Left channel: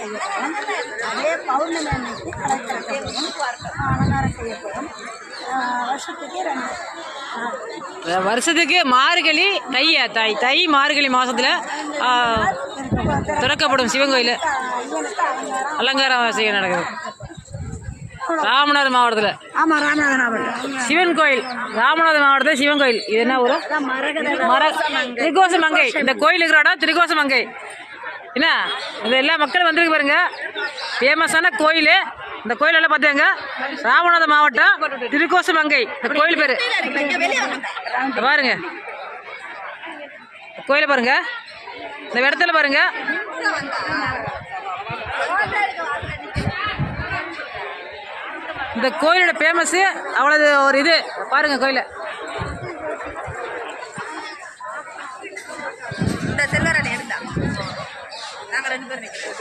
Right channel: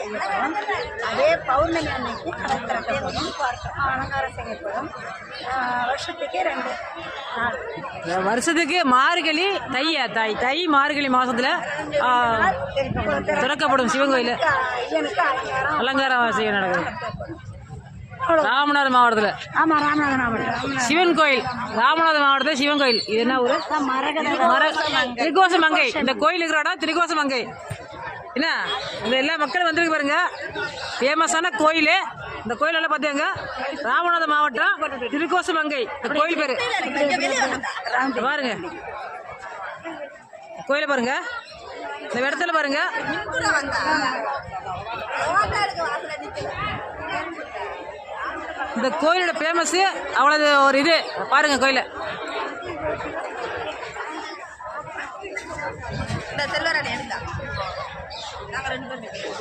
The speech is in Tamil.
செய்யப்படும். அதே பௌர்ணமி அன்னைக்கு கடல் திறக்கப்படும், அலங்காரம் செய்யப்படும். வருஷத்துக்கு 2 வருஷத்துக்கு மார்கழி தை மார்கழி மாதத்தில் திறக்கப்படும் சிவன் கோயில் அலங்காரம் செய்ய நடக்குது. ராமநாதர் மாவட்டத்தில். ஆமாம், ராமநாதர் மாவட்டம் சிவன் கோயில். ராமநாதர் மாவட்டத்தில் சிவன் கோயில். இது என்ன ஊர்? திரிகோசமங்கை. இந்த கோயில் இருக்கிற இடம் திரிகோசமங்கை. என்ன இந்த எல்லா மக்களும் வந்திருக்கு பாருங்க. ஃபேமஸான கோயில். இந்த கோயிலெல்லாம் பார்த்தீங்க, ராமநாதர் மாவட்டம் திரிகோசமங்கை இந்த கோயில் பேர். பாருங்க கோயிலை பாருங்க, இந்த இடத்துல பாருங்க. இந்த கோயிலோட ஃபேமஸ் அவ்வளவு ஒரு இது பாருங்க கோயிலை.